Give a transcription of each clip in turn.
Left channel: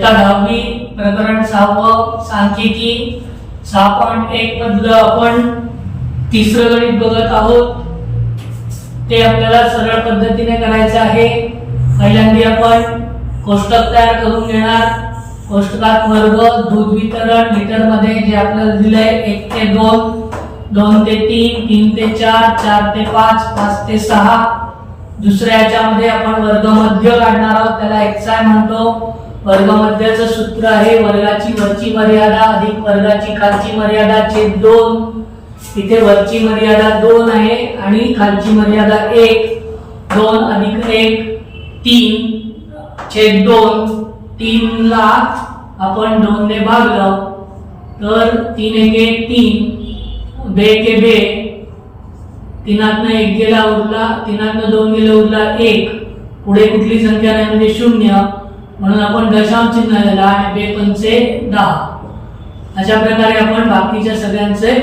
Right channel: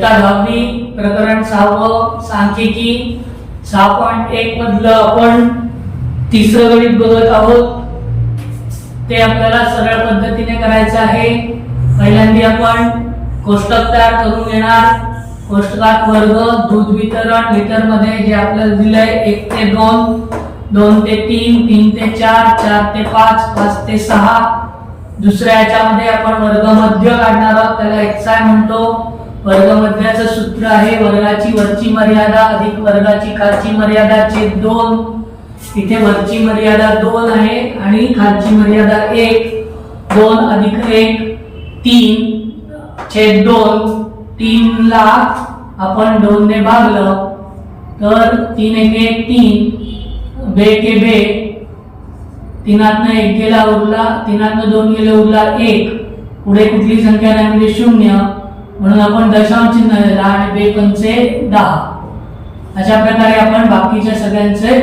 10वी प्रकरण 6 सांख्यिकी 6.1 मधलं आपण तिसरं गणित बघत आहोत। ते आपल्याला सरळ पद्धतीने करायचं आहे। पहिल्यांदा आपण कोष्टक तयार करून घेणार। कोष्टकात वर्ग, दूध वितरण लिटर मध्ये जे आपल्याला दिलंय 1 ते 2, 2 ते 3, 3 ते 4, 4 ते 5, 5 ते 6। दुसऱ्या याच्यामध्ये आपण वर्ग मध्य काढणार आहोत, त्याला xi म्हणतो। वर्ग मध्याचं सूत्र आहे वर्गाची वरची मर्यादा अधिक वर्गाची खालची मर्यादा छेद 2। इथे वरची मर्यादा 2 आहे आणि खालची मर्यादा 1, 2 अधिक 1 3 छेद 2। 3 ला आपण 2 ने भागलं तर 3 1 3 बे के बे, 3 1 गेला उरला, 3 2 गेले उरला 1। पुढे कुठली संख्या नाही म्हणजे 0, म्हणून आपण दशांश चिन्ह दिला आणि बे पंचे 10। अशा प्रकारे आपण बाकीच्या सगळ्यांचे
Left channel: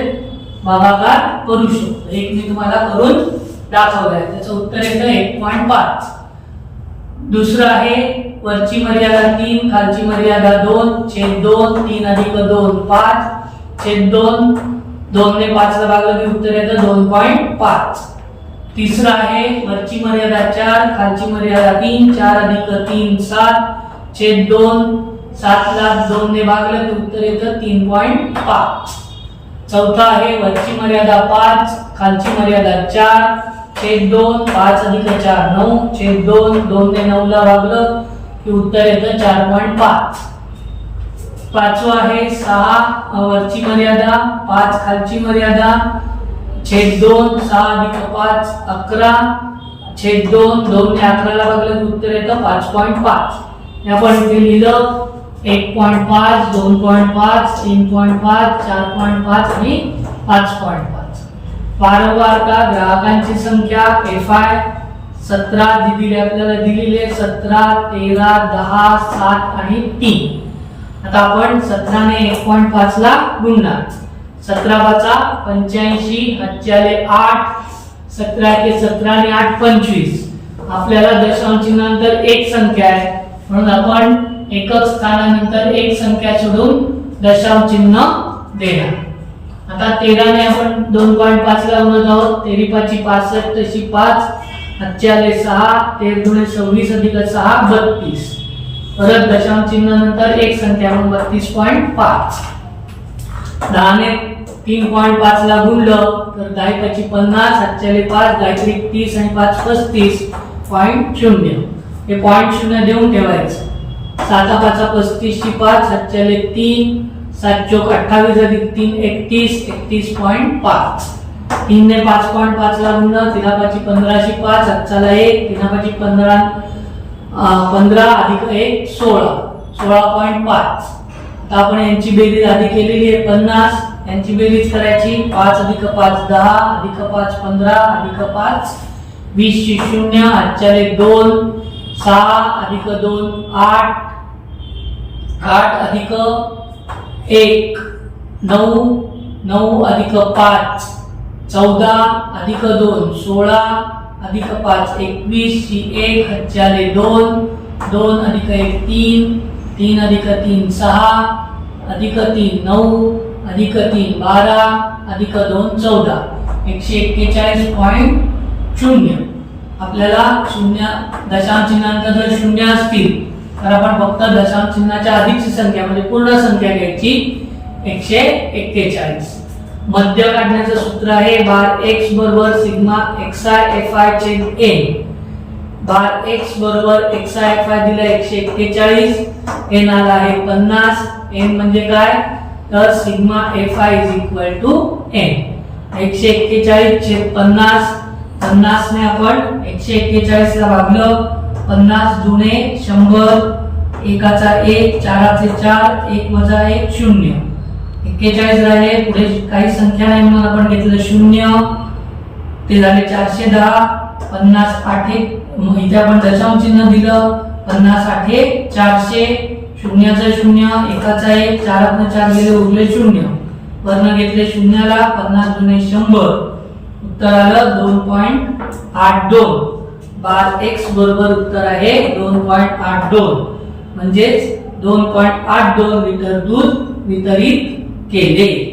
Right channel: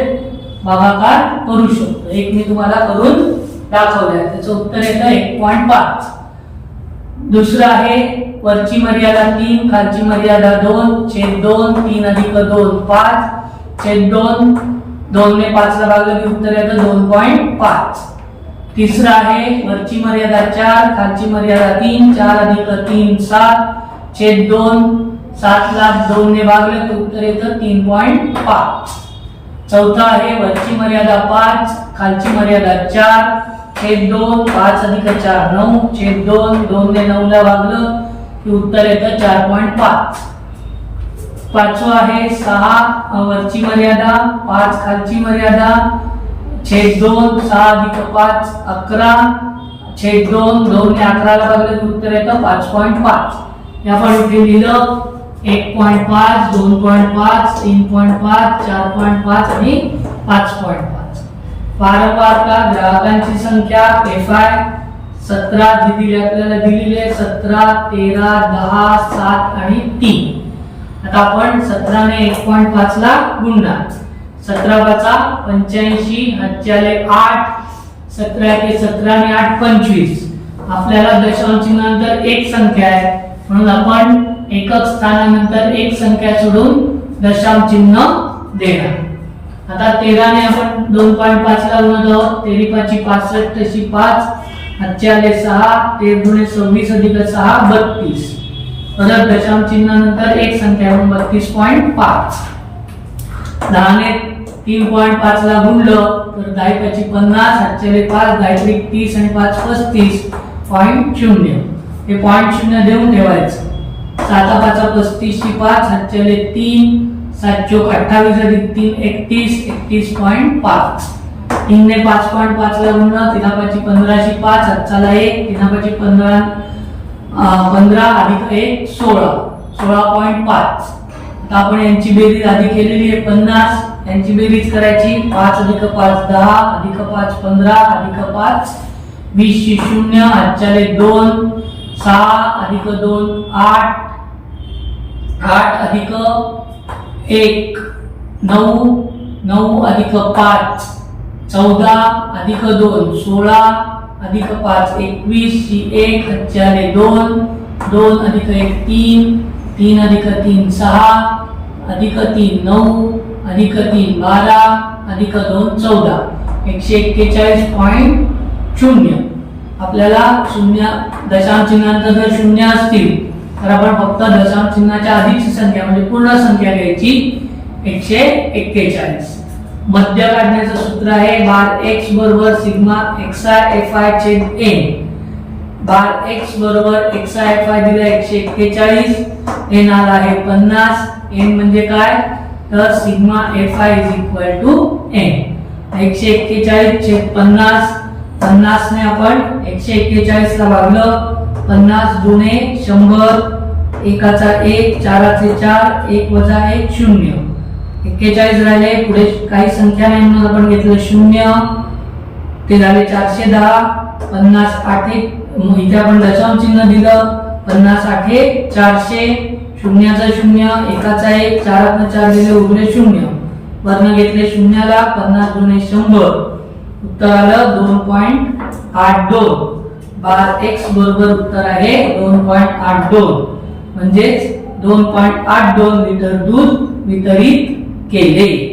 भागाकार करू शकतो। एक मी तुम्हाला करून दाखवलंय, त्याचं उत्तर येतं 1.5। दुसरं आहे वरची मर्यादा 3 खालची मर्यादा 2 छेद 2, 3 अधिक 2 5 छेद 2, 2 ने 5 ला भागलं की उत्तर येतं 2.5। तिसरं आहे वरची मर्यादा 4 खालची मर्यादा 3, 4 अधिक 3 7 छेद 2, 7 ला 2 ने भागलं की उत्तर येतं 3.5। चौथा आहे वरची मर्यादा 5 खालची मर्यादा 4 छेद 2, 5 अधिक 4 9 छेद 2, 2 ने 9 ला भागलं की उत्तर येतं 4.5। पाचवा आहे 6 वरची मर्यादा 5 खालची मर्यादा छेद 2, 6 अधिक 5 11 छेद 2, 2 ने 11 ला भागलं की उत्तर येतं 5.5। आपण इथे लिहिलं 1.5 2.5 3.5 4.5 आणि 5.5। वारंवारता ग्राहकांची संख्या FI 17 दिलेली आपल्याला दिलेली आहे, 17 13 10 7 आणि 3। आता आपण 17 ने 1.5 ला गुणणार। 17 5 85 हातच्याले 8, 17 1 17 आणि 8 25। आपल्याला दशांश चिन्हानंतर एक संख्या आहे म्हणून आपण एकक स्थानानंतर एक संख्या सोडून दशांश चिन्ह देणार। आता 13 ने आपण 2.5 ला गुणत आहोत, 13 5 65 तशी 5 हातच्याले 6, 13 दुणे 26 अधिक 6 32। परत दशांश चिन्हानंतर एक संख्या म्हणून 32.5। 10 ने 3.5 ला गुणलं तर 10 5 50 हातच्याले 5 10 30 आणि 5 35.0। हे पॉइंट 0 देऊन ठेवायचं। 7 5 35 5 हातच्याले 3 7 चौक 28 अधिक 3 31 31.5। 3 ने 5.5 ला गुणलं 3 5 15 5 हातच्याला 1 3 5 15 15 अधिक 1 16 16.5। आता आपण यांची बेरीज आधी केलेली आहे 50, यांची बेरीज करायची 5 अधिक 5 10 अधिक 5 15 अधिक 5 20 0 हातच्याले 2 6 अधिक 2 8 8 अधिक 1 9 9 अधिक 5 14 अधिक 2 16 अधिक 5 21 1 हातच्याले 2 2 अधिक 1 3 3 अधिक 3 6 अधिक 3 9 अधिक 3 12 अधिक 2 14 141.0। आपल्याला शून्य दशांश चिन्हांत जर शून्य असतील तर आपण फक्त दशांश चिन्हाच्या आधीची संख्या म्हणजे पूर्ण संख्या घ्यायची 141। मध्य काढण्याचं सूत्र आहे बार x बरोबर सिग्मा xi fi छेद n। बार x बरोबर xi fi दिला 141, n आला आहे 50। n म्हणजे काय तर सिग्मा fi n। 141 छेद 50, 50 ने आपण 141 ला भागलं, 50 दुणे 100 एकाचा 1 चाराचे 4 1 वजा 1 0। 41 राहिले, पुढे काही संख्या नाही म्हणून आपण घेतलं 0, ते झाले 410। 50 8 इथे आपण दशांश चिन्ह दिलं 50 8 400 शून्याचा 0 एकाचा 1 4 4 गेले उरले 0, वर्ण घेतले 0 ला 50 दुणे 100 उत्तर आलं 2.82। बार x बरोबर उत्तर आहे 2.82 म्हणजेच 2.82 लिटर दूध वितरित केले.